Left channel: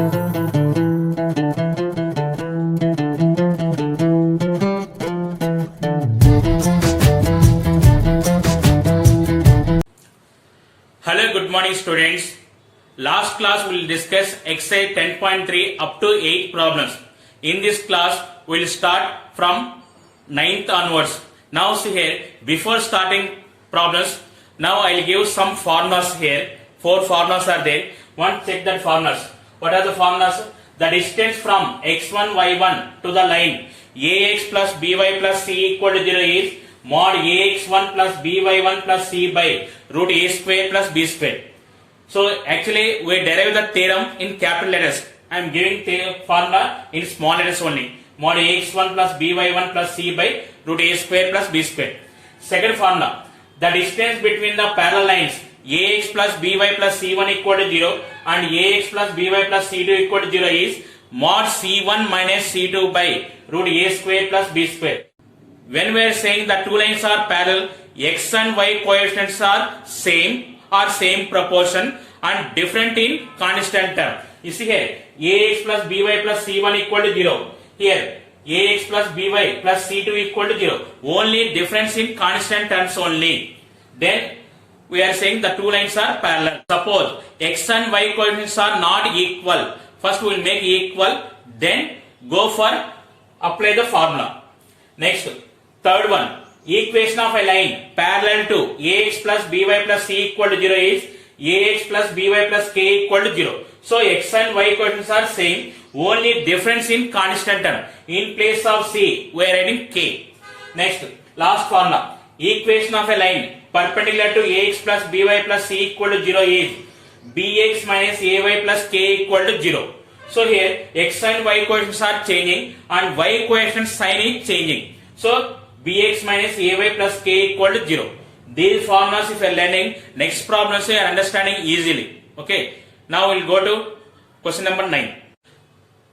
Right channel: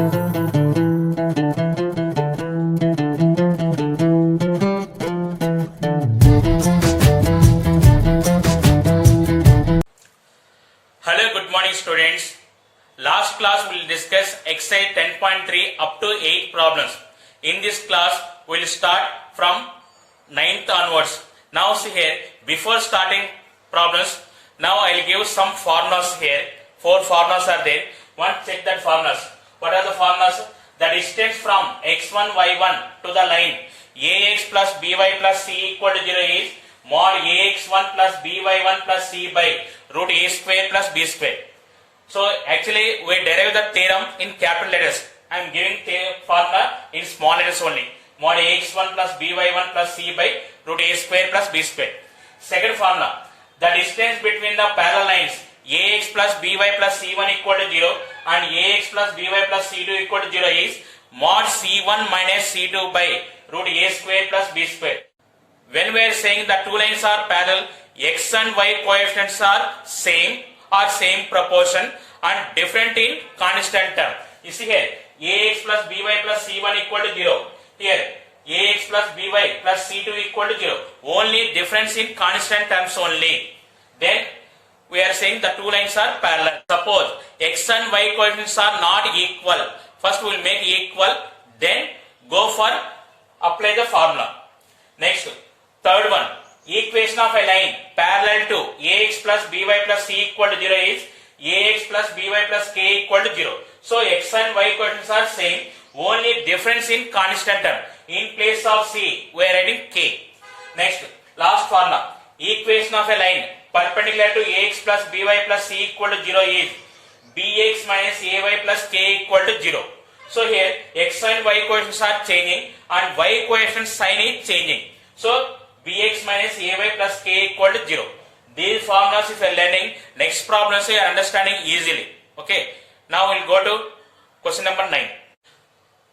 Hello, good morning students. Last class we will discuss exercise 10.3 up to 8 problems. In this class we will start from 9th onwards. Now see here, before starting problems, now I will give some formulas here. 4 formulas are there. One, check that formulas. What are the formulas? The distance from x1, y1 to the line ax plus by plus c equal to 0 is mod ax1 plus by1 plus c by root a square plus b square. So actually we derive the theorem in capital letters. I am giving the formula in small letters only. Mod ax1 plus by1 plus c by root a square plus b square. Second formula, the distance between the parallel lines ax plus by plus c1 equal to 0 and ax plus by plus c2 equal to 0 is mod c1 minus c2 by root a square plus b square. When we are saying the two lines are parallel, x and y coefficients are same or same proportion and different in constant term. You see here, ax plus by plus c1 equal to 0. Here, ax plus by plus c2 equal to 0. Only difference in constant terms only. Then we are saying the two lines are parallel. Suppose x and y coefficients are not equal. First we will make equal, then go for apply the formula. Next, third one, equation of a line parallel to ax plus by plus c equal to 0 is ax plus by plus k equal to 0. So x and y coefficients are same, only difference in constant term. In place of c, we are adding k. Next, last formula, equation of a line perpendicular to ax plus by plus c equal to 0 is bx minus ay plus k equal to 0. So here x and y coefficients are changing and y coefficient sign is changing. So bx minus ay plus k equal to 0. These formulas if you are learning, next problems you are understanding easily. Okay. Now we will go to question number 9.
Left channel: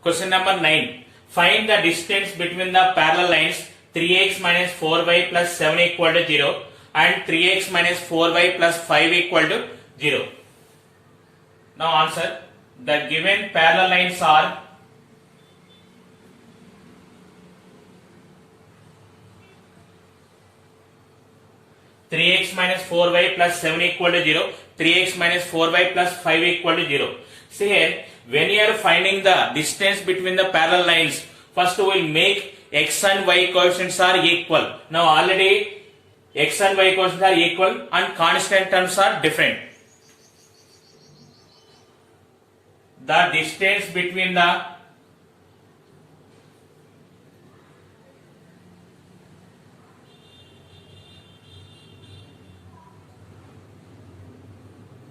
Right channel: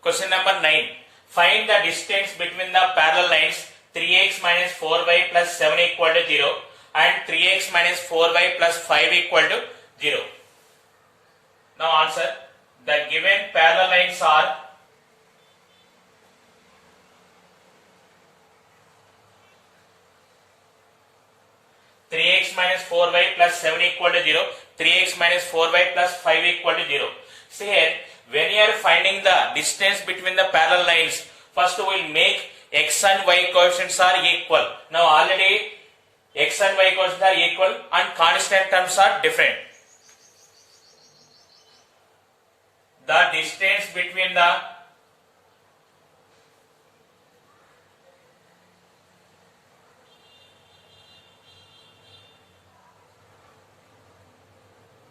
Question number 9. Find the distance between the parallel lines 3x minus 4y plus 7 equal to 0 and 3x minus 4y plus 5 equal to 0. Now answer. The given parallel lines are 3x minus 4y plus 7 equal to 0, 3x minus 4y plus 5 equal to 0. See here, when you are finding the distance between the parallel lines, first we will make x and y coefficients are equal. Now already x and y coefficients are equal and constant terms are different. The distance between the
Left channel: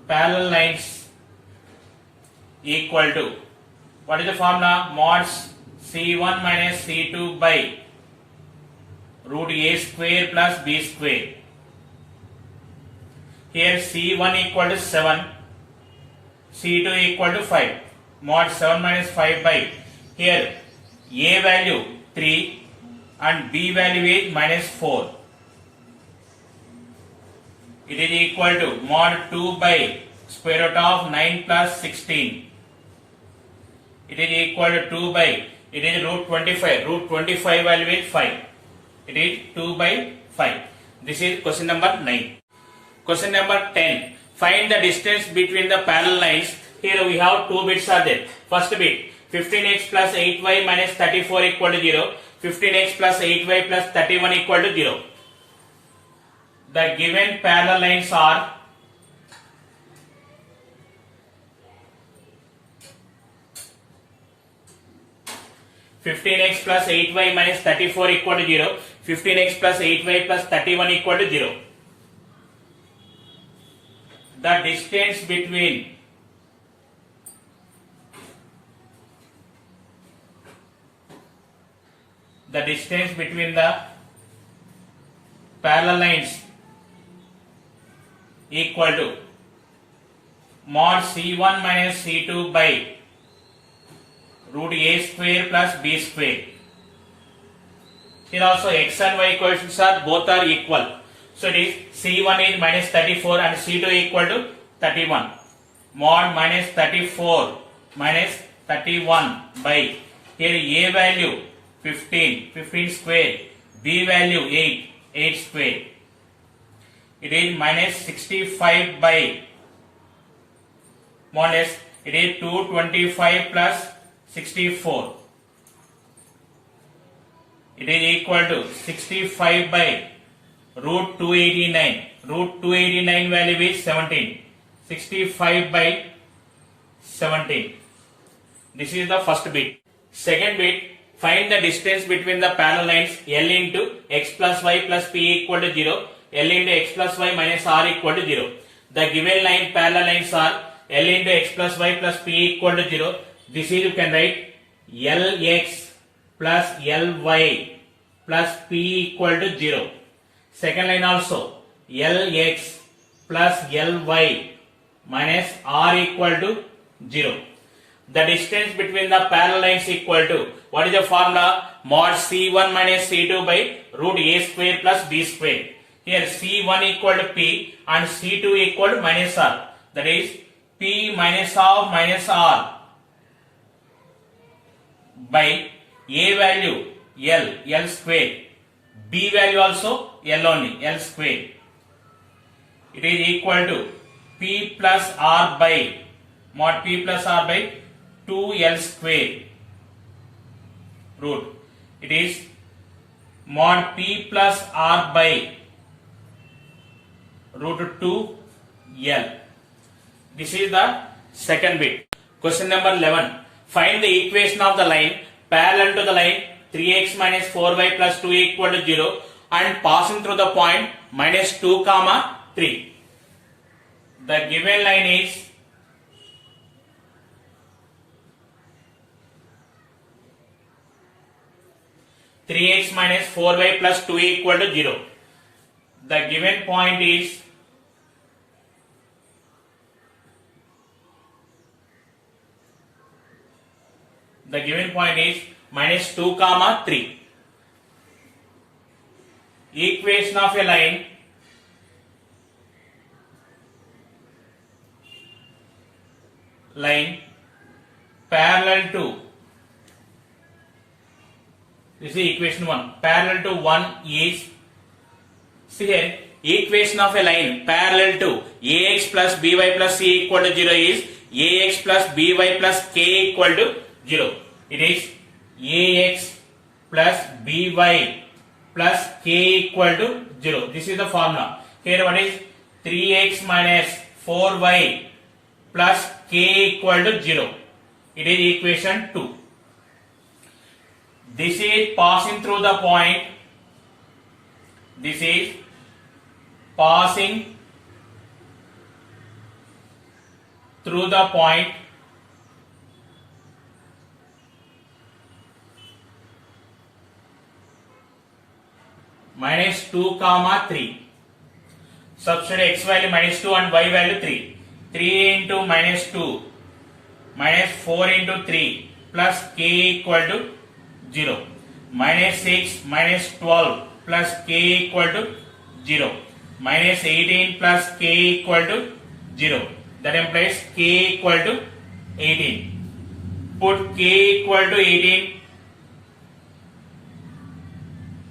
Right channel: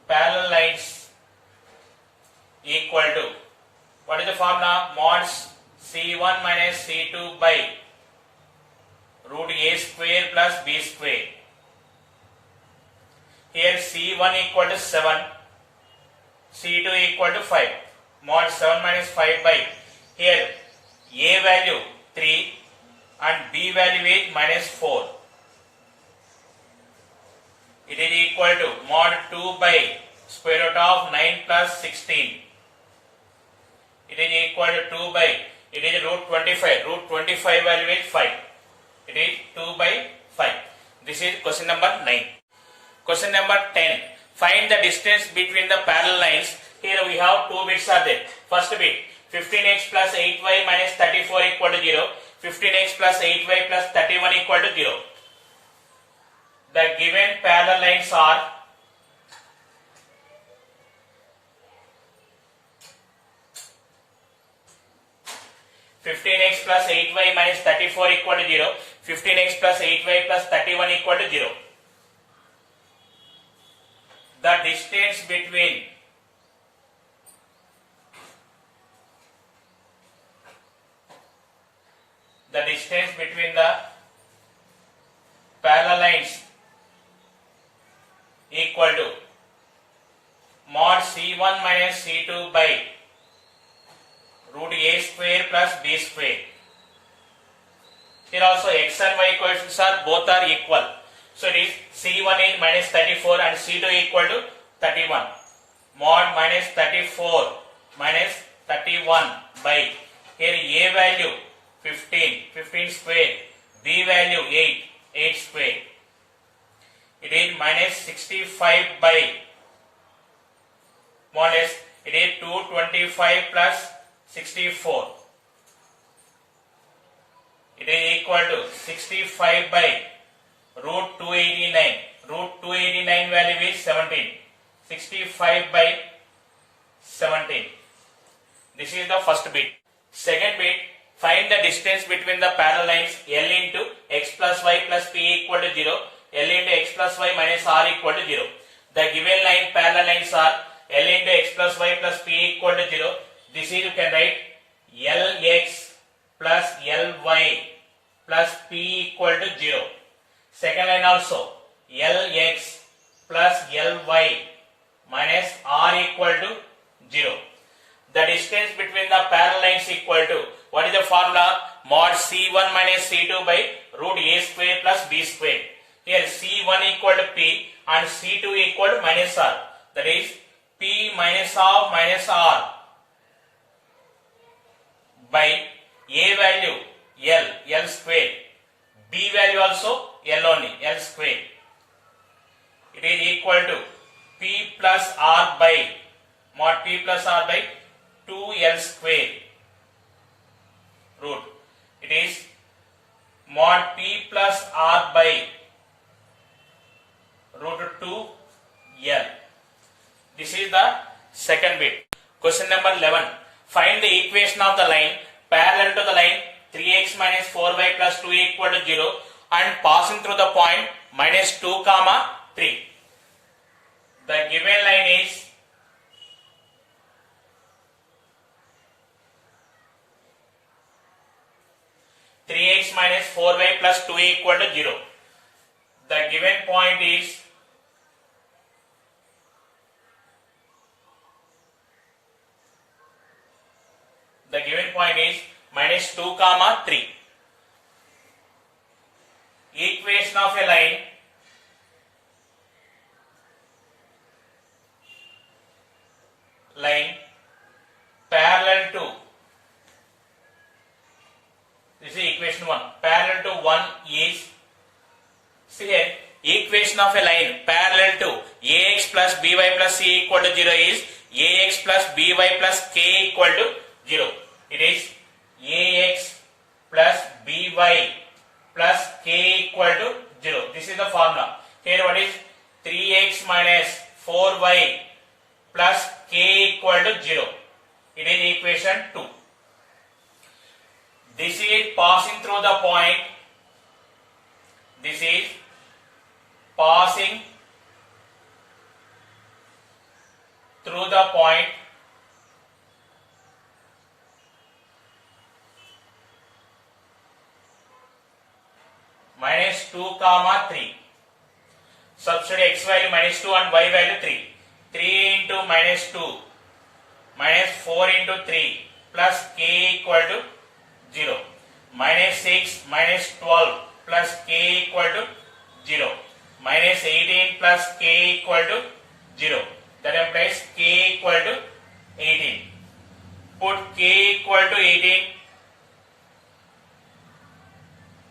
parallel lines equal to, what is the formula? Mod c1 minus c2 by root a square plus b square. Here c1 equal to 7, c2 equal to 5. Mod 7 minus 5 by, here a value 3 and b value is minus 4. It is equal to mod 2 by square root of 9 plus 16. It is equal to 2 by, it is root 25. Root 25 value is 5. It is 2 by 5. This is question number 9. Question number 10. Find the distance between the parallel lines. Here we have two bits are there. First bit, 15x plus 8y minus 34 equal to 0. 15x plus 8y plus 31 equal to 0. The given parallel lines are 15x plus 8y minus 34 equal to 0. 15x plus 8y plus 31 equal to 0. The distance between the parallel lines equal to mod c1 minus c2 by root a square plus b square. Here also x and y coefficients are both are equal. So it is c1 is minus 34 and c2 equal to 31. Mod minus 34 minus 31 by, here A value 15, 15 square, B value 8, 8 square. It is minus 65 by, more or less, it is 225 plus 64. It is equal to 65 by root 289. Root 289 value is 17. 65 by 17. This is the first bit. Second bit, find the distance between the parallel lines L into x plus y plus p equal to 0, L into x plus y minus r equal to 0. The given line parallel lines are L into x plus y plus p equal to 0. This is, you can write Lx plus Ly plus p equal to 0. Second line also Lx plus Ly minus r equal to 0. The distance between the parallel lines equal to, what is the formula? Mod C1 minus C2 by root A square plus B square. Here C1 equal to P and C2 equal to minus R. That is P minus of minus R by A value L square. B value also L only, L square. It is equal to P plus R by, mod P plus R by 2L square root. It is mod P plus R by root 2L. This is the second bit. Question number 11. Find the equation of the line parallel to the line 3x minus 4y plus 2 equal to 0 and passing through the point minus 2 comma 3. The given line is three x minus 4y plus 2 equal to 0. The given point is minus 2 comma 3. Equation of a line parallel to, this is equation 1, parallel to 1 is, see here, equation of a line parallel to ax plus by plus c equal to 0 is ax plus by plus k equal to 0. It is ax plus by plus k equal to 0. This is the formula. Here what is 3x minus 4y plus k equal to 0. It is equation 2. This is passing through the point. This is passing through the point minus 2 comma 3. Substitute x value minus 2 and y value 3. 3 into minus 2 minus 4 into 3 plus k equal to 0. Minus 6 minus 12 plus k equal to 0. Minus 18 plus k equal to 0. That implies k equal to 18. Put k equal to 18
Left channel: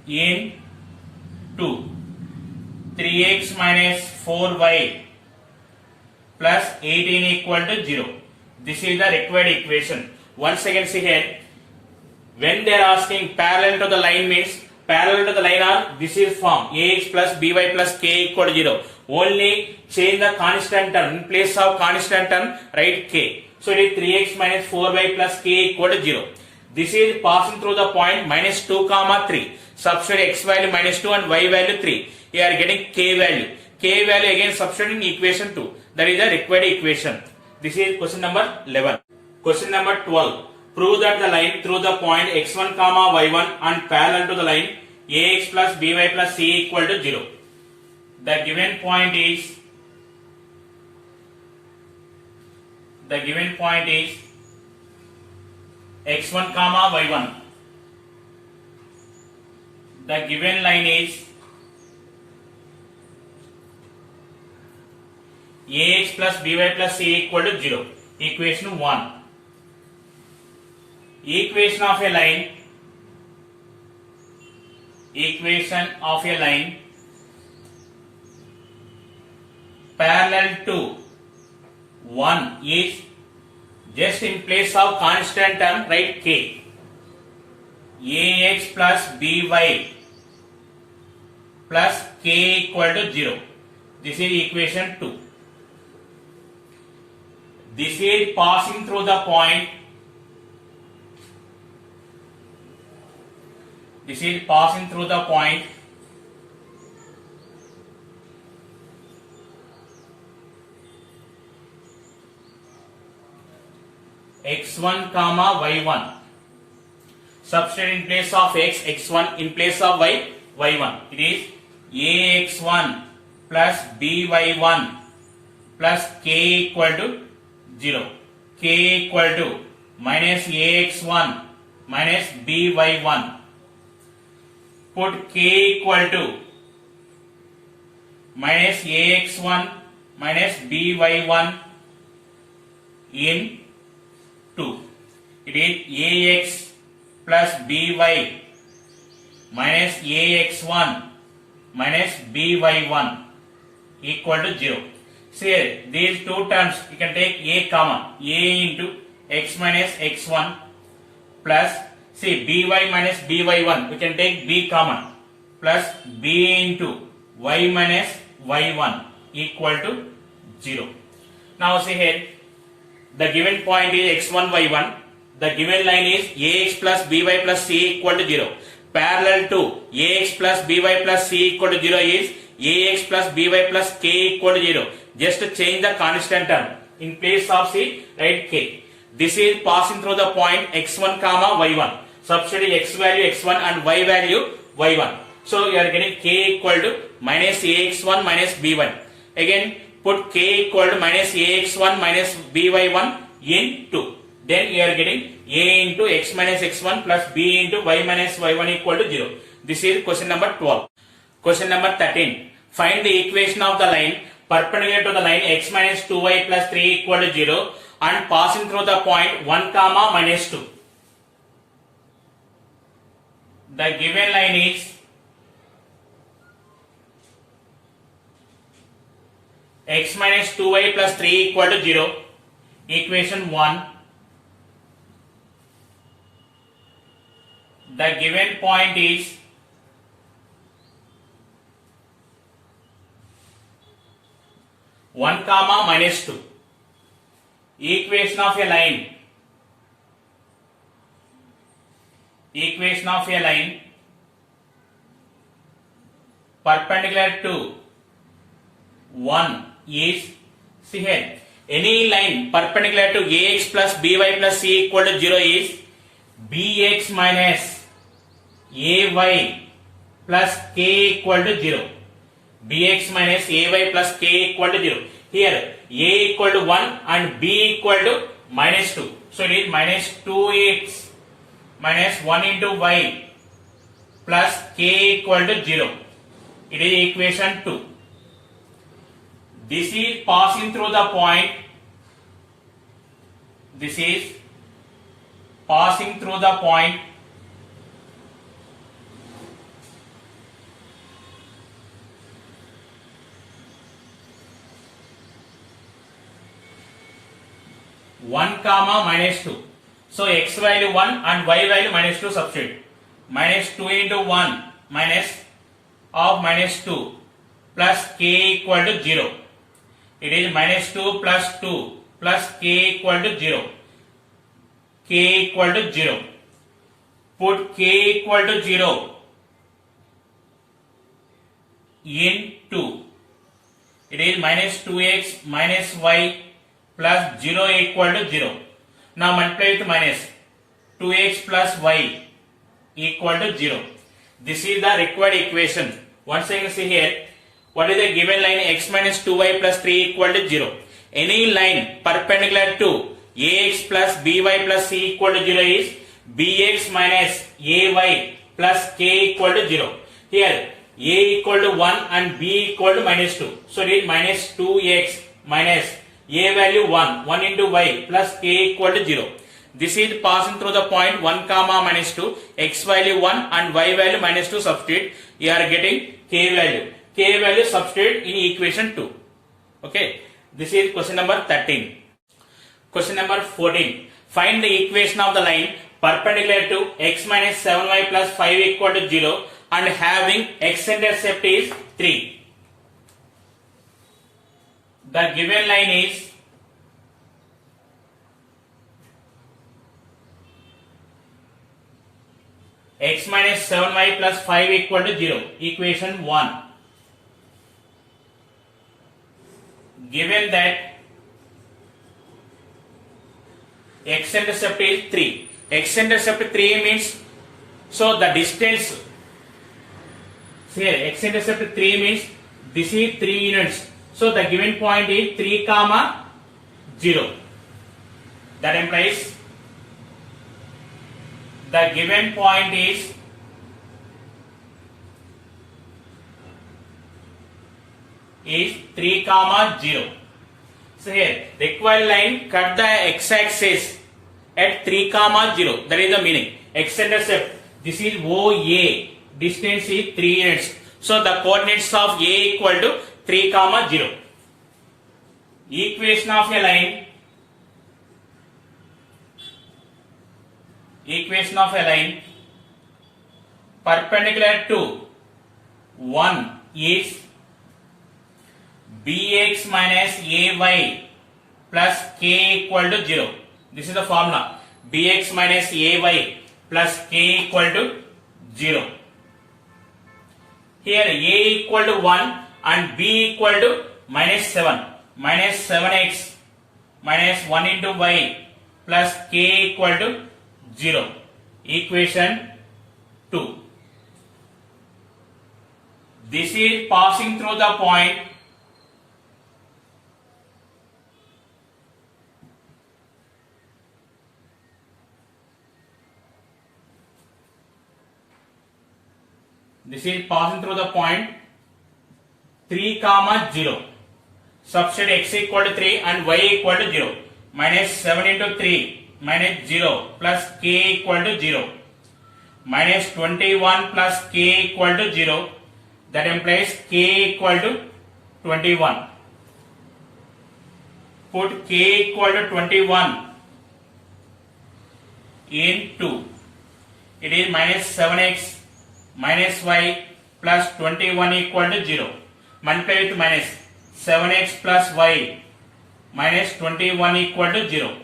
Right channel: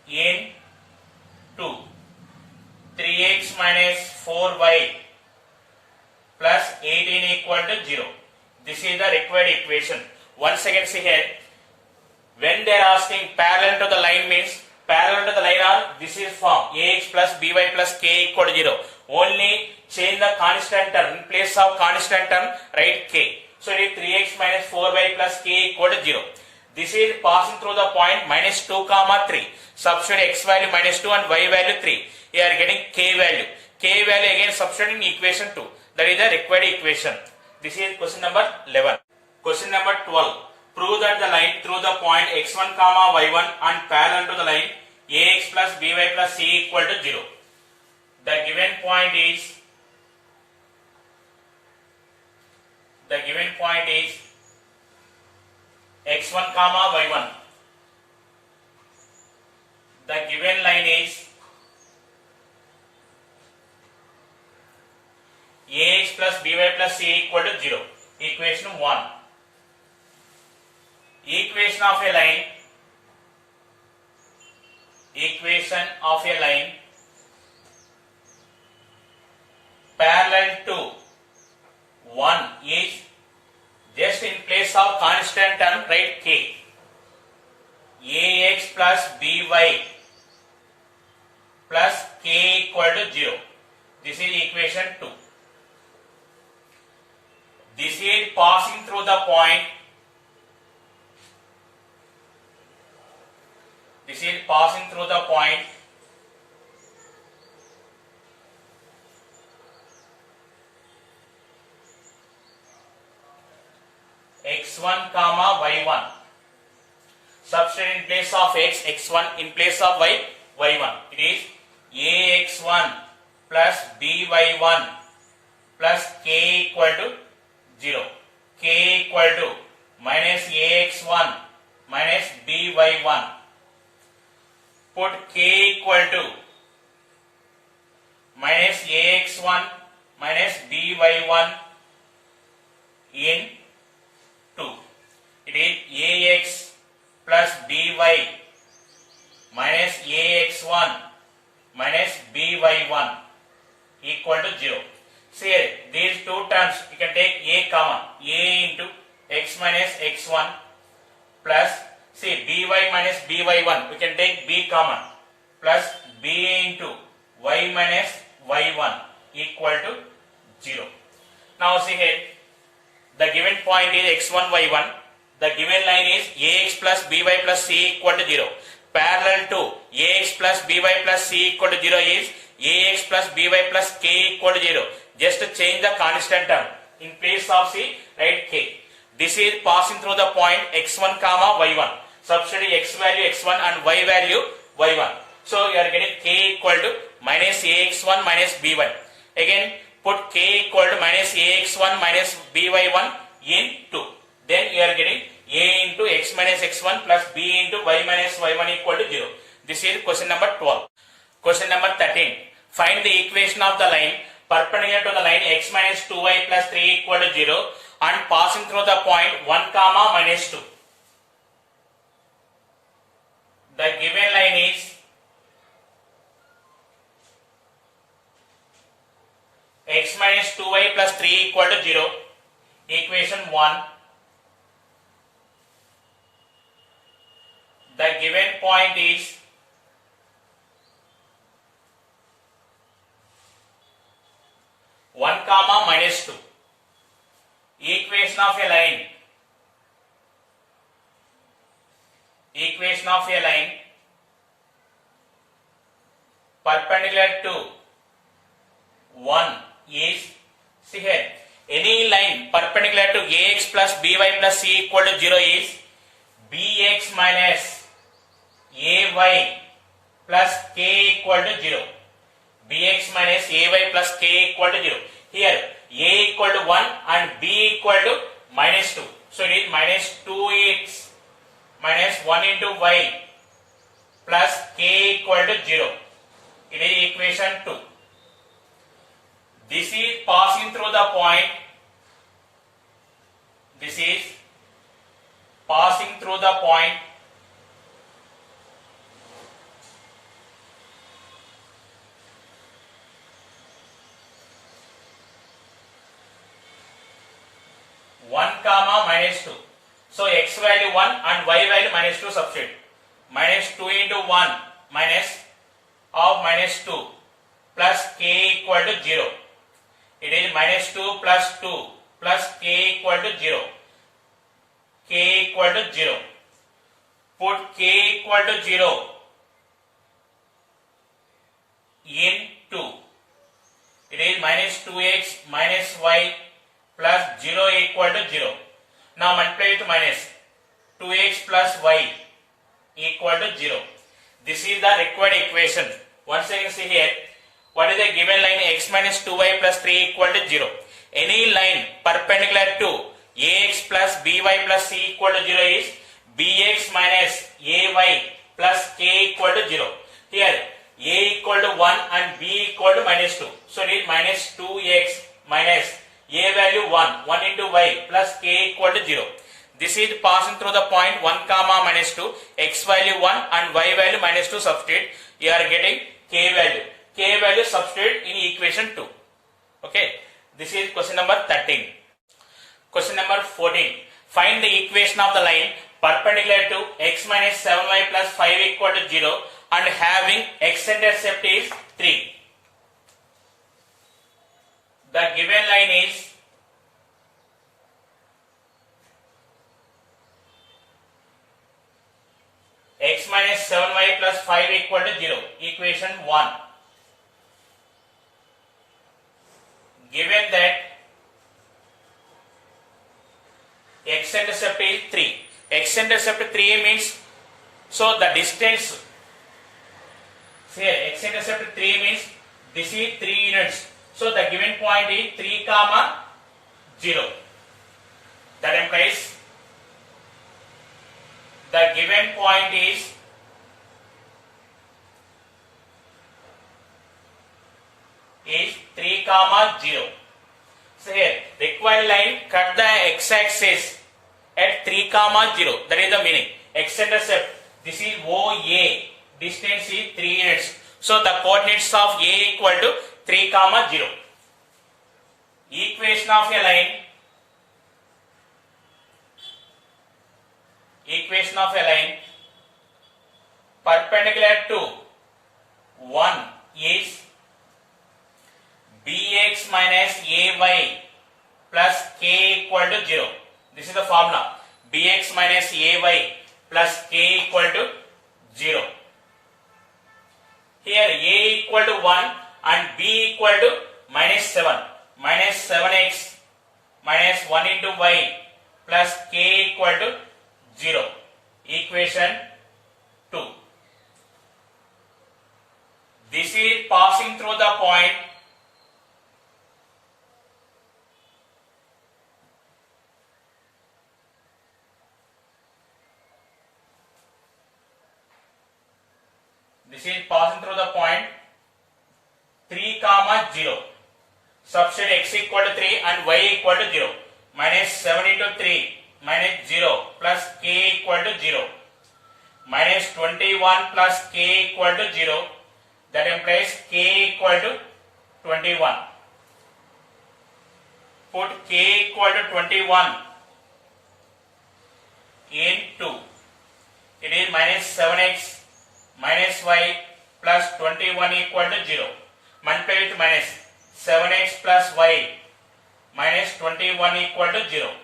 in 2. 3x minus 4y plus 18 equal to 0. This is the required equation. Once again see here, when they are asking parallel to the line means parallel to the line are, this is form ax plus by plus k equal to 0. Only change the constant term, in place of constant term write k. So it is 3x minus 4y plus k equal to 0. This is passing through the point minus 2 comma 3. Substitute x value minus 2 and y value 3. You are getting k value. K value again substitute in equation 2. That is the required equation. This is question number 11. Question number 12. Prove that the line through the point x1 comma y1 and parallel to the line ax plus by plus c equal to 0. The given point is x1 comma y1. The given line is ax plus by plus c equal to 0. Equation 1. equation of a line parallel to 1 is just in place of constant term write k. Ax plus by plus k equal to 0. This is equation 2. This is passing through the point. This is passing through the point x1 comma y1. Substitute in place of x1, in place of y1. It is ax1 plus by1 plus k equal to 0. K equal to minus ax1 minus by1. Put k equal to minus ax1 minus by1 in 2. It is ax plus by minus ax1 minus by1 equal to 0. See here, these two terms you can take a comma a into x minus x1 plus see by minus by1 we can take b comma plus b into y minus y1 equal to 0. Now see here, the given point is x1 y1. The given line is ax plus by plus c equal to 0. Parallel to ax plus by plus c equal to 0 is ax plus by plus k equal to 0. Just change the constant term. In place of c, write k. This is passing through the point x1 comma y1. Substitute x value x1 and y value y1. So you are getting k equal to minus ax1 minus b1. Again put k equal to minus ax1 minus by1 in 2. Then you are getting a into x minus x1 plus b into y minus y1 equal to 0. This is question number 12. Question number 13. Find the equation of the line perpendicular to the line x minus 2y plus 3 equal to 0 and passing through the point 1 comma minus 2. The given line is x minus 2y plus 3 equal to 0. Equation 1. The given point is one comma minus 2. Equation of a line. Equation of a line perpendicular to 1 is, see here, any line perpendicular to ax plus by plus c equal to 0 is bx minus ay plus k equal to 0. Bx minus ay plus k equal to 0. Here a equal to 1 and b equal to minus 2. So it is minus 2x minus 1 into y plus k equal to 0. It is equation 2. This is passing through the point. This is passing through the point one comma minus 2. So x value 1 and y value minus 2 substitute. Minus 2 into 1 minus of minus 2 plus k equal to 0. It is minus 2 plus 2 plus k equal to 0. K equal to 0. Put k equal to 0 in 2. It is minus 2x minus y plus 0 equal to 0. Now multiply with minus 2x plus y equal to 0. This is the required equation. Once again see here, what is the given line x minus 2y plus 3 equal to 0. Any line perpendicular to ax plus by plus c equal to 0 is bx minus ay plus k equal to 0. Here a equal to 1 and b equal to minus 2. So it is minus 2x minus a value 1 into y plus k equal to 0. This is passing through the point 1 comma minus 2, x value 1 and y value minus 2 substitute. You are getting k value. K value substitute in equation 2. Okay. This is question number 13. Question number 14. Find the equation of the line perpendicular to x minus 7y plus 5 equal to 0 and having x-intercept is 3. The given line is x minus 7y plus 5 equal to 0. Equation 1. Given that x-intercept is 3. X-intercept 3 means, so the distance, here x-intercept 3 means this is 3 units. So the given point is 3 comma 0. That implies the given point is is 3 comma 0. So here required line cut the x-axis at 3 comma 0. That is the meaning. X-intercept, this is OA. Distance is 3 units. So the coordinates of A equal to 3 comma 0. Equation of a line. Equation of a line perpendicular to 1 is bx minus ay plus k equal to 0. This is the formula. Bx minus ay plus k equal to 0. Here a equal to 1 and b equal to minus 7. Minus 7x minus 1 into y plus k equal to 0. Equation 2. This is passing through the point This is passing through the point 3 comma 0. Substitute x equal to 3 and y equal to 0. Minus 7 into 3 minus 0 plus k equal to 0. Minus 21 plus k equal to 0. That implies k equal to 21. Put k equal to 21 into, it is minus 7x minus y plus 21 equal to 0. Multiply with minus 7x plus y minus 21 equal to 0.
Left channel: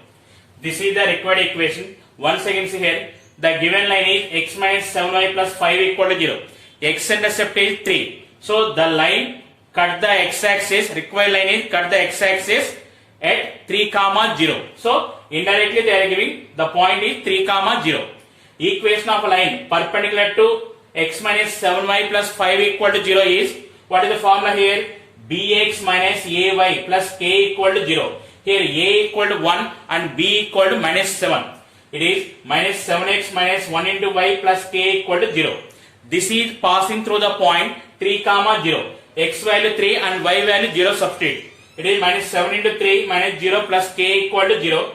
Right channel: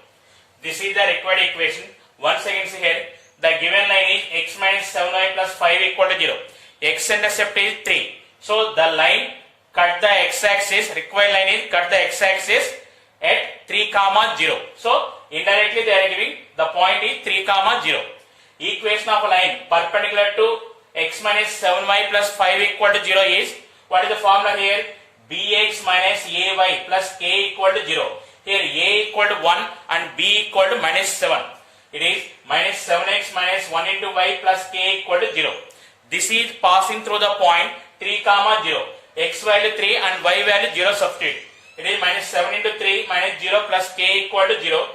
This is the required equation. Once again see here, the given line is x minus 7y plus 5 equal to 0. X-intercept is 3. So the line cut the x-axis, required line is cut the x-axis at 3 comma 0. So indirectly they are giving the point is 3 comma 0. Equation of a line perpendicular to x minus 7y plus 5 equal to 0 is, what is the formula here? Bx minus ay plus k equal to 0. Here a equal to 1 and b equal to minus 7. It is minus 7x minus 1 into y plus k equal to 0. This is passing through the point 3 comma 0. X value 3 and y value 0 substitute. It is minus 7 into 3 minus 0 plus k equal to 0.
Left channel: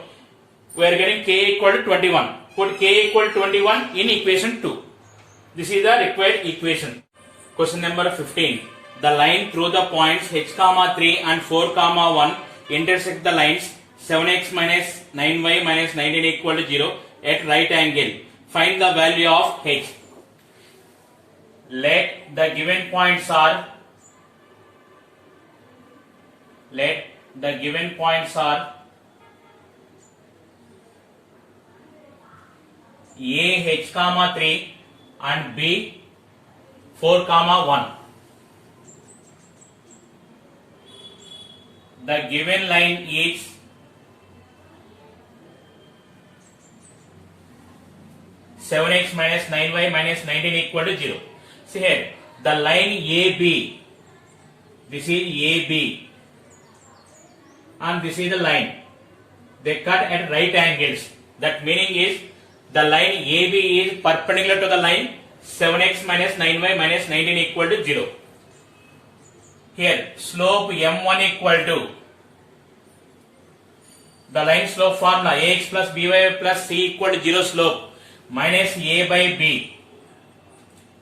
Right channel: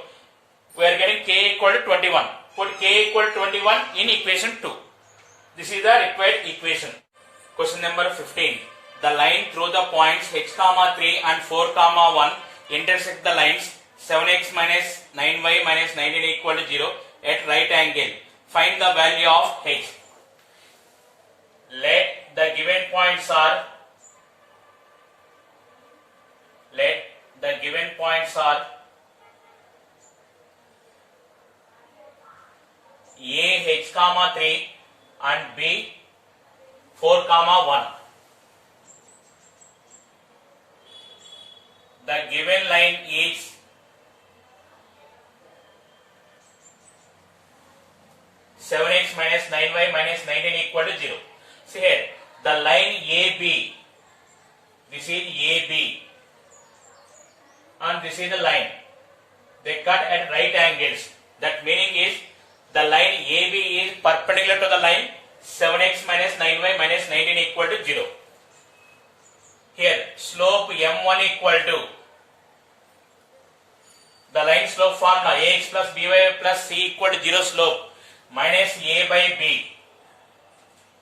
We are getting k equal to 21. Put k equal to 21 in equation 2. This is the required equation. Question number 15. The line through the points h comma 3 and 4 comma 1 intersect the lines 7x minus 9y minus 19 equal to 0 at right angle. Find the value of h. Let the given points are A h comma 3 and b 4 comma 1. The given line is seven x minus 9y minus 19 equal to 0. See here, the line AB, this is AB, and this is the line. They cut at right angles. That meaning is the line AB is perpendicular to the line 7x minus 9y minus 19 equal to 0. Here, slope M1 equal to the line slope formula ax plus by plus c equal to 0 slope minus a by b.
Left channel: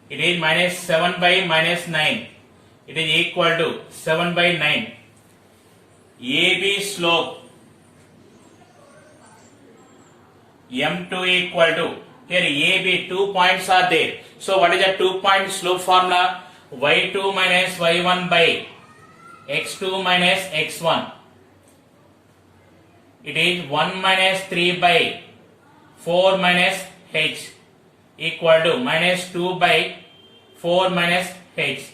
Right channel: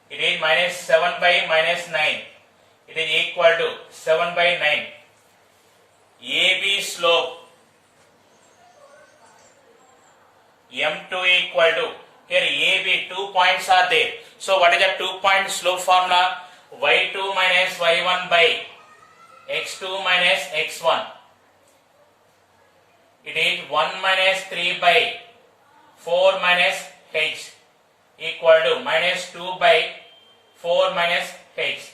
It is minus 7 by minus 9. It is equal to 7 by 9. AB slope m2 equal to, here AB 2 points are there. So what is the 2 point slope formula? y2 minus y1 by x2 minus x1. It is 1 minus 3 by 4 minus h equal to minus 2 by 4 minus h.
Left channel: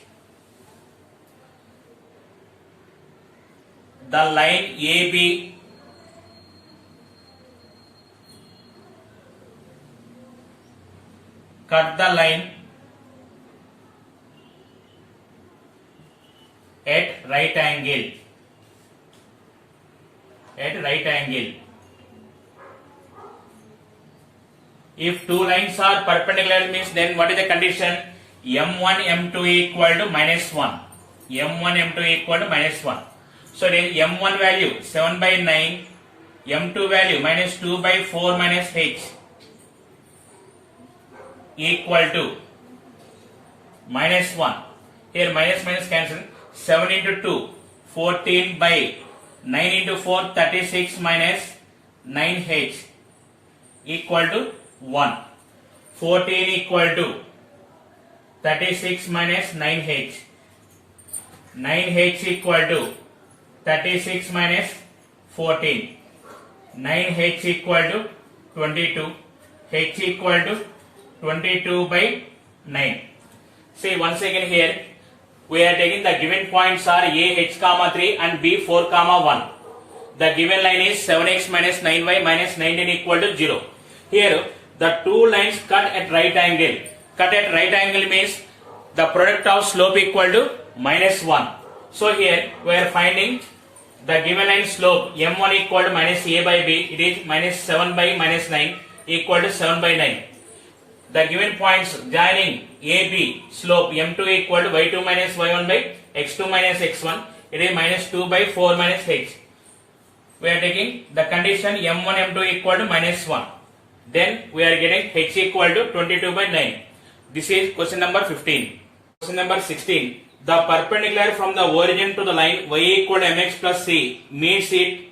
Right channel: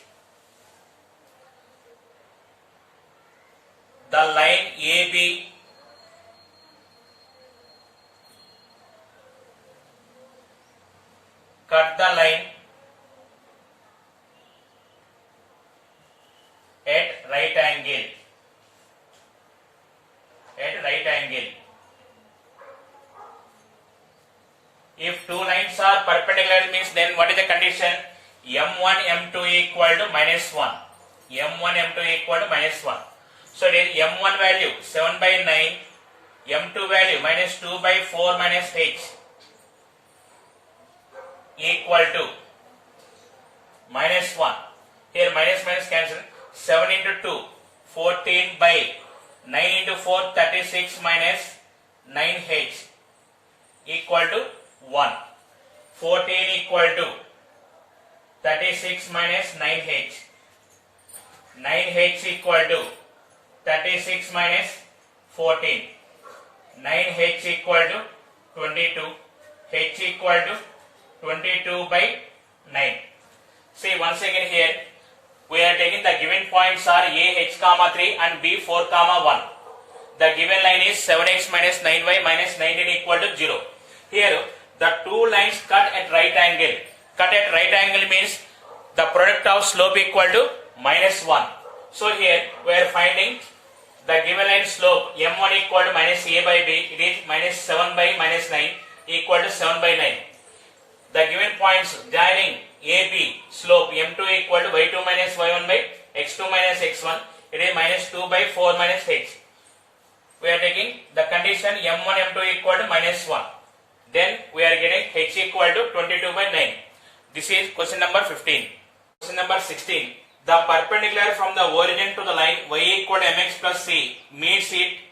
The line AB cut the line at right angle. At right angle. If two lines are perpendicular means then what is the condition? M1 M2 equal to minus 1. M1 M2 equal to minus 1. So it is M1 value 7 by 9, M2 value minus 2 by 4 minus h equal to minus 1. Here minus minus cancel. 7 into 2, 14 by 9 into 4, 36 minus 9h equal to 1. 14 equal to 36 minus 9h. 9h equal to 36 minus 14. 9h equal to 22. H equal to 22 by 9. See once again here we are taking the given points are A h comma 3 and B 4 comma 1. The given line is 7x minus 9y minus 19 equal to 0. Here the two lines cut at right angle. Cut at right angle means the product of slope equal to minus 1. So here we are finding the given line slope m1 equal to minus a by b. It is minus 7 by minus 9 equal to 7 by 9. The given points joining AB slope m2 equal to y2 minus y1 by x2 minus x1. It is minus 2 by 4 minus h. We are taking the condition m1 m2 equal to minus 1. Then we are getting h equal to 22 by 9. This is question number 15. Question number 16. The perpendicular from the origin to the line y equal to mx plus c meets it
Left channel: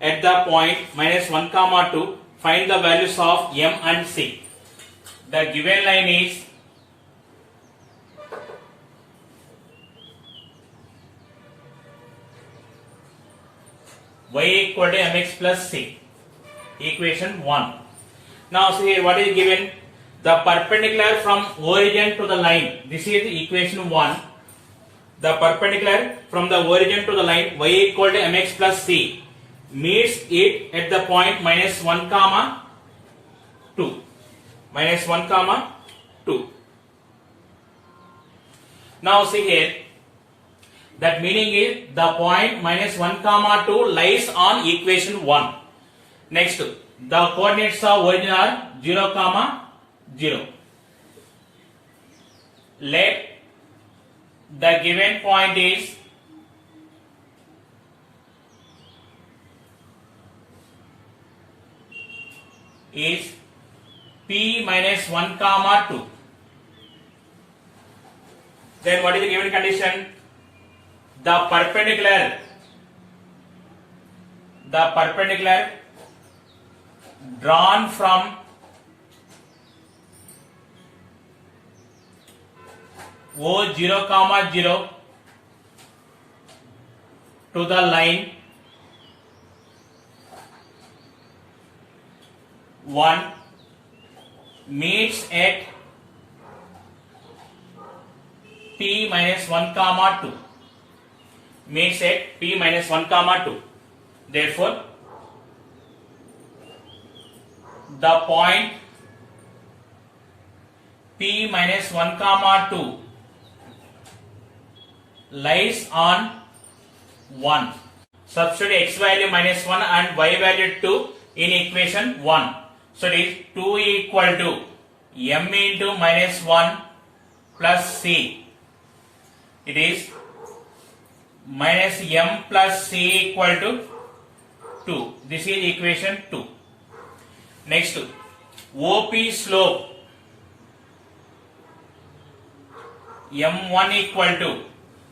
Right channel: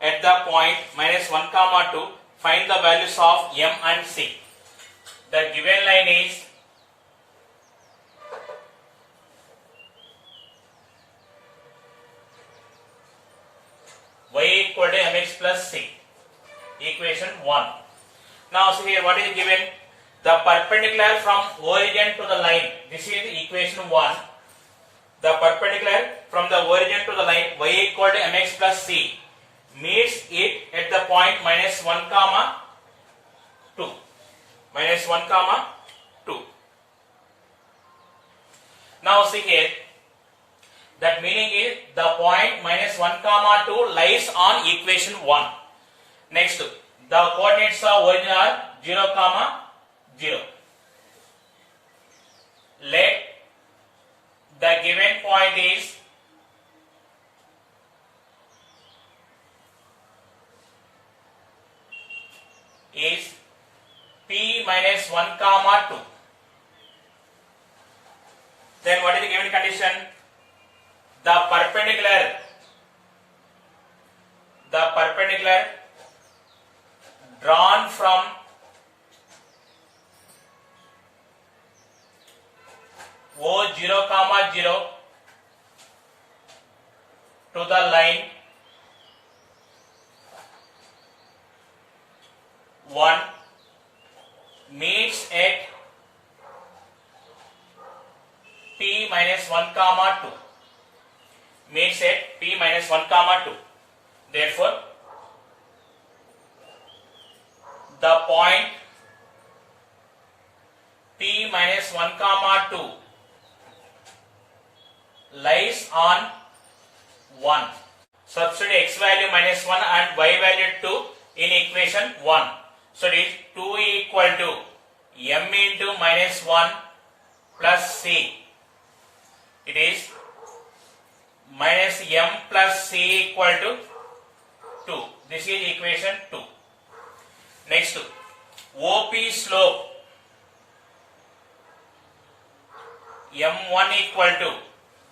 at the point minus 1 comma 2. Find the values of m and c. The given line is y equal to mx plus c. Equation 1. Now see here what is given? The perpendicular from origin to the line. This is equation 1. The perpendicular from the origin to the line y equal to mx plus c meets it at the point minus 1 comma 2. Minus 1 comma 2. Now see here, that meaning is the point minus 1 comma 2 lies on equation 1. Next, the coordinates of origin are 0 comma 0. Let the given point is P minus 1 comma 2. Then what is the given condition? The perpendicular drawn from O 0 comma 0 to the line 1 meets at P minus 1 comma 2. Meets at P minus 1 comma 2. Therefore, the point P minus 1 comma 2 lies on 1. Substitute x value minus 1 and y value 2 in equation 1. So it is 2 equal to m into minus 1 plus c. It is minus m plus c equal to 2. This is equation 2. Next, OP slope M1 equal to,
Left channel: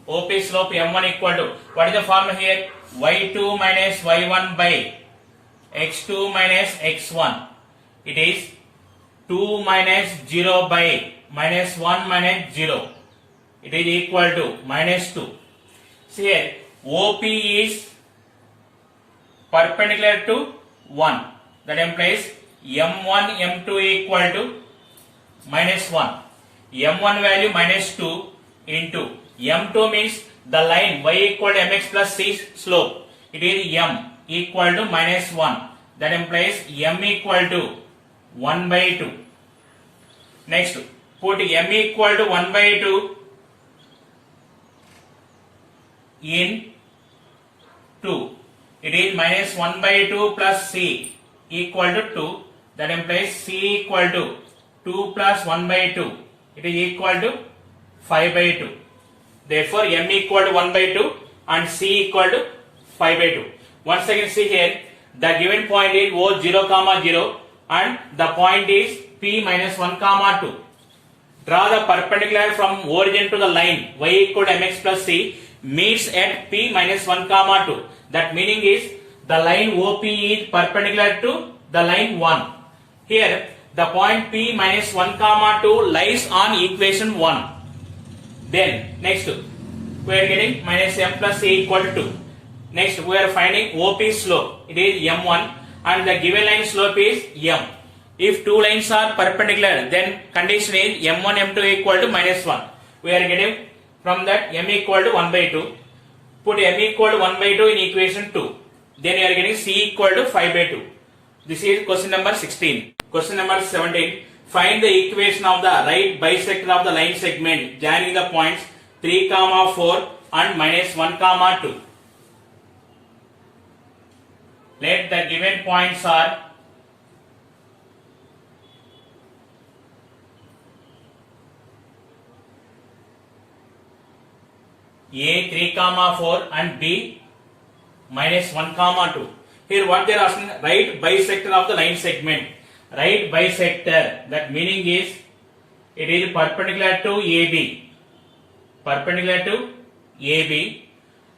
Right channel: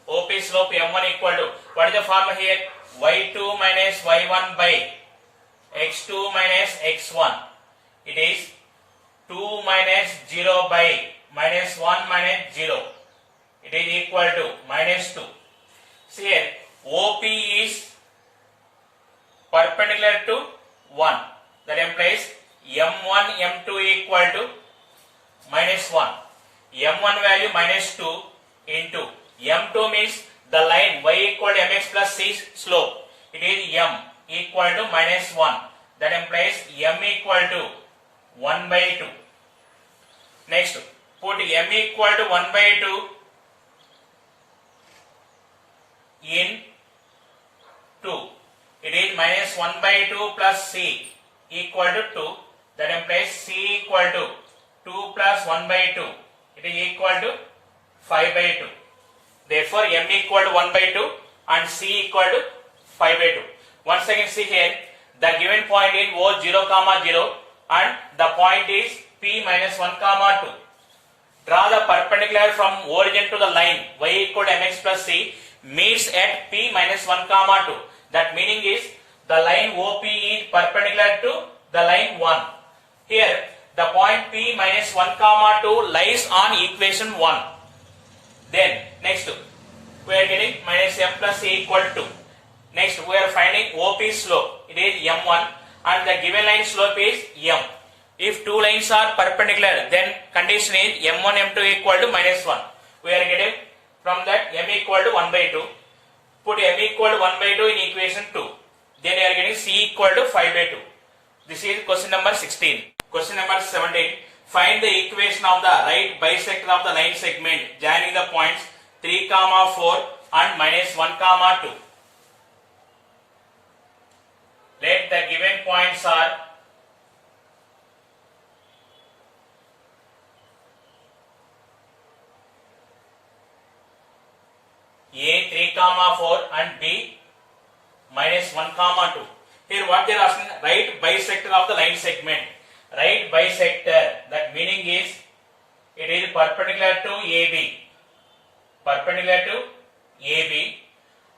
OP slope M1 equal to, what is the formula here? Y2 minus Y1 by X2 minus X1. It is 2 minus 0 by minus 1 minus 0. It is equal to minus 2. See here, OP is perpendicular to 1. That implies M1, M2 equal to minus 1. M1 value minus 2 into M2 means the line y equal to mx plus c slope. It is M equal to minus 1. That implies M equal to 1 by 2. Next, put M equal to 1 by 2 in 2. It is minus 1 by 2 plus c equal to 2. That implies c equal to 2 plus 1 by 2. It is equal to 5 by 2. Therefore, M equal to 1 by 2 and c equal to 5 by 2. Once again see here, the given point is O 0, 0 and the point is P minus 1, 2. Draw the perpendicular from origin to the line y equal to mx plus c meets at P minus 1, 2. That meaning is the line OP is perpendicular to the line 1. Here the point P minus 1, 2 lies on equation 1. Then next we are getting minus M plus C equal to 2. Next we are finding OP slope. It is M1 and the given line slope is M. If two lines are perpendicular, then condition is M1, M2 equal to minus 1. We are getting from that M equal to 1 by 2. Put M equal to 1 by 2 in equation 2. Then we are getting C equal to 5 by 2. This is question number 16. Question number 17. Find the equation of the right bisector of the line segment joining the points 3, 4 and minus 1, 2. Let the given points are A 3, 4 and B minus 1, 2. Here what they are asking, right bisector of the line segment. Right bisector, that meaning is it is perpendicular to AB. Perpendicular to AB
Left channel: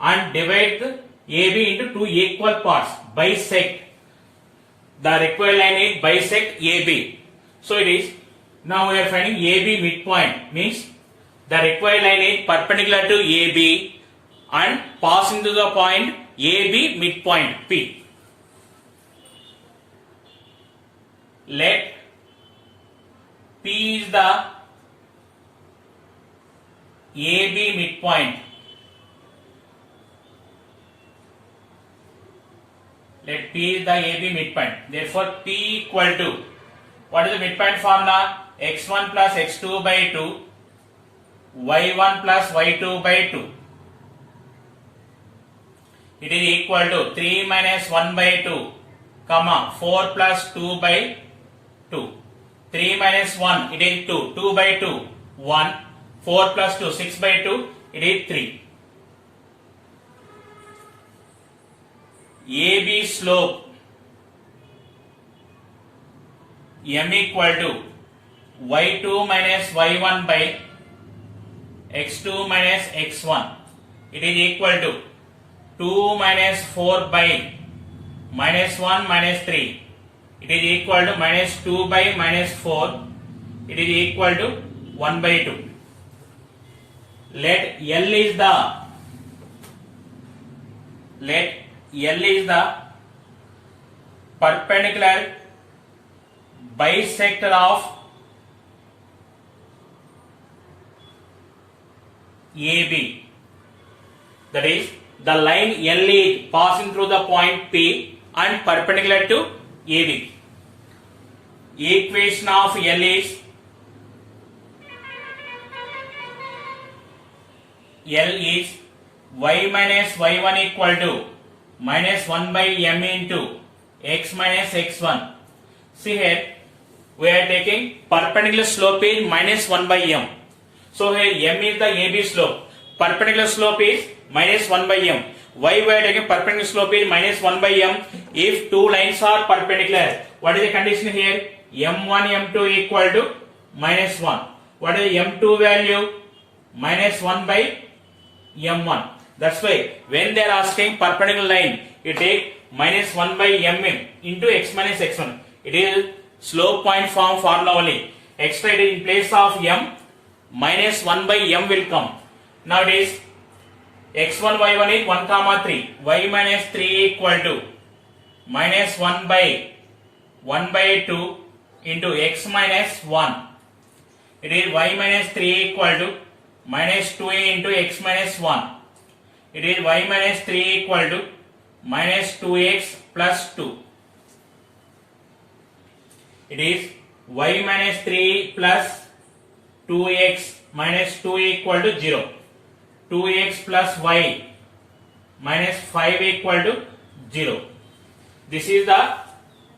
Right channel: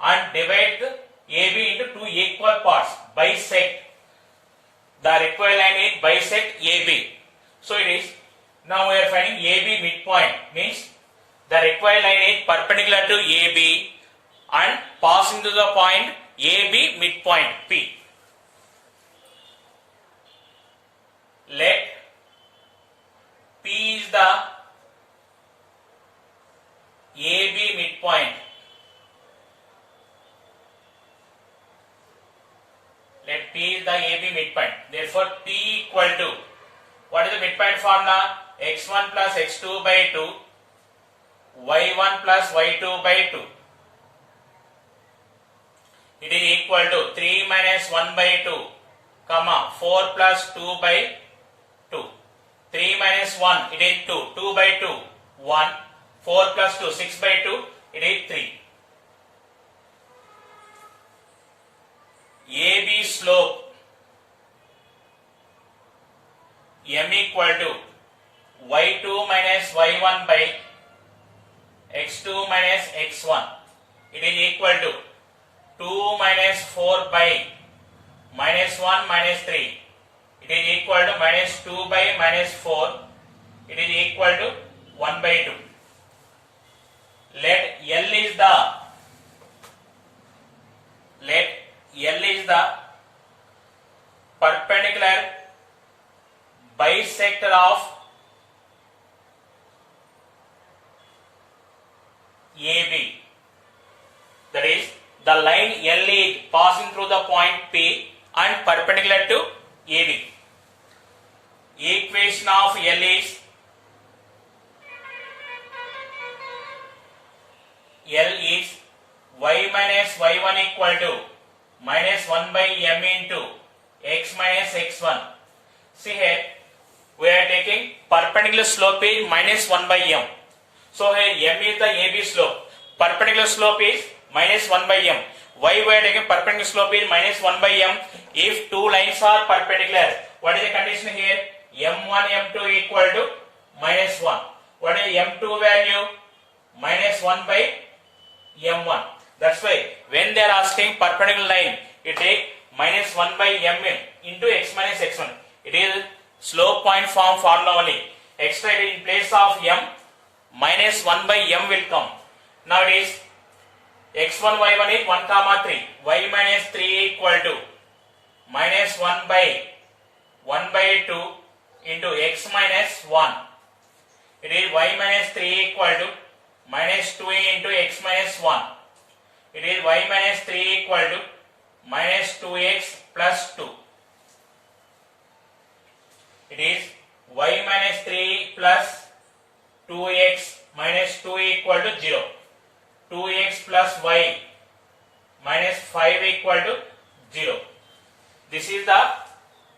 and divide the AB into two equal parts. Bisect. The required line is bisect AB. So it is, now we are finding AB midpoint means the required line is perpendicular to AB and passing to the point AB midpoint P. Let P is the AB midpoint. Let P is the AB midpoint. Therefore, P equal to, what is the midpoint formula? X1 plus X2 by 2, Y1 plus Y2 by 2. It is equal to 3 minus 1 by 2, 4 plus 2 by 2. 3 minus 1, it is 2. 2 by 2, 1. 4 plus 2, 6 by 2, it is 3. AB slope M equal to Y2 minus Y1 by X2 minus X1. It is equal to 2 minus 4 by minus 1 minus 3. It is equal to minus 2 by minus 4. It is equal to 1 by 2. Let L is the perpendicular bisector of AB. That is, the line L is passing through the point P and perpendicular to AB. Equation of L is y minus y1 equal to minus 1 by m into x minus x1. See here, we are taking perpendicular slope is minus 1 by m. So here m is the AB slope. Perpendicular slope is minus 1 by m. Why we are taking perpendicular slope is minus 1 by m if two lines are perpendicular. What is the condition here? M1, M2 equal to minus 1. What is M2 value? Minus 1 by M1. That's why when they are asking perpendicular line, you take minus 1 by mm into x minus x1. It is slope point form formula only. Extra in place of m, minus 1 by m will come. Now it is x1 y1 is 1 comma 3. Y minus 3 equal to minus 1 by 2 into x minus 1. It is y minus 3 equal to minus 2a into x minus 1. It is y minus 3 equal to minus 2x plus 2. It is y minus 3 plus 2x minus 2 equal to 0. 2x plus y minus 5 equal to 0. This is the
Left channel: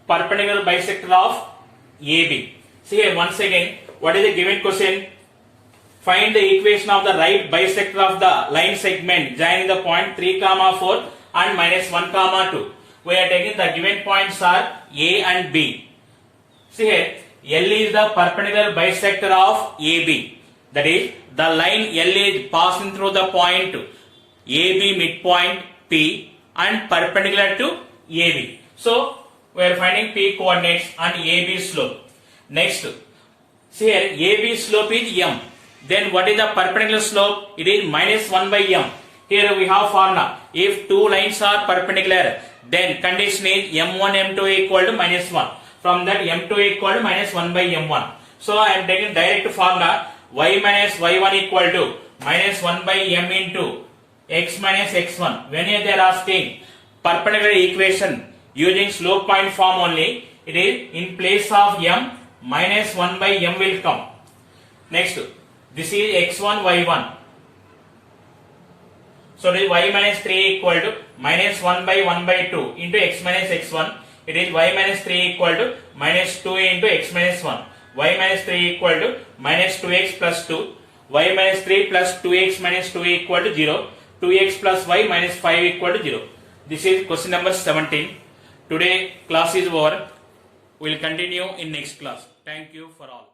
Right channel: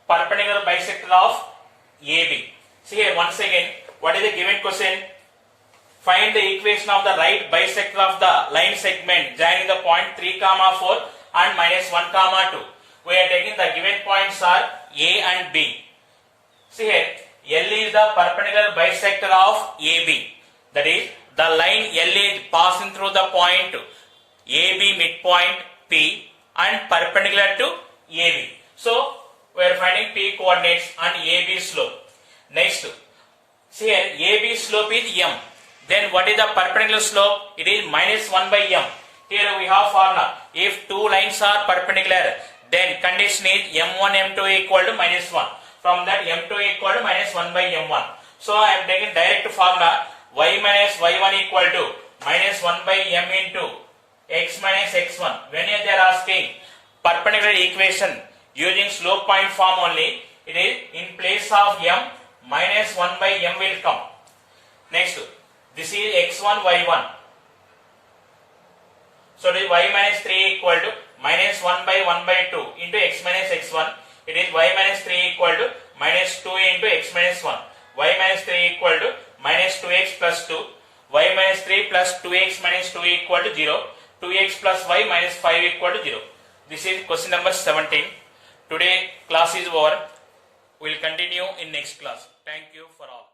perpendicular bisector of AB. See here once again, what is the given question? Find the equation of the right bisector of the line segment joining the point 3 comma 4 and minus 1 comma 2. We are taking the given points are A and B. See here, L is the perpendicular bisector of AB. That is, the line L is passing through the point AB midpoint P and perpendicular to AB. So, we are finding P coordinates and AB slope. Next, see here, AB slope is M. Then what is the perpendicular slope? It is minus 1 by m. Here we have formula. If two lines are perpendicular, then condition is m1 m2 equal to minus 1. From that m2 equal to minus 1 by m1. So I am taking direct formula y minus y1 equal to minus 1 by m into x minus x1. When they are asking perpendicular equation using slope point form only, it is in place of m minus 1 by m will come. Next, this is x1 y1. So it is y minus 3 equal to minus 1 by 2 into x minus x1. It is y minus 3 equal to minus 2a into x minus 1. Y minus 3 equal to minus 2x plus 2. Y minus 3 plus 2x minus 2 equal to 0. 2x plus y minus 5 equal to 0. This is question number 17. Today class is over. We will continue in next class. Thank you for all.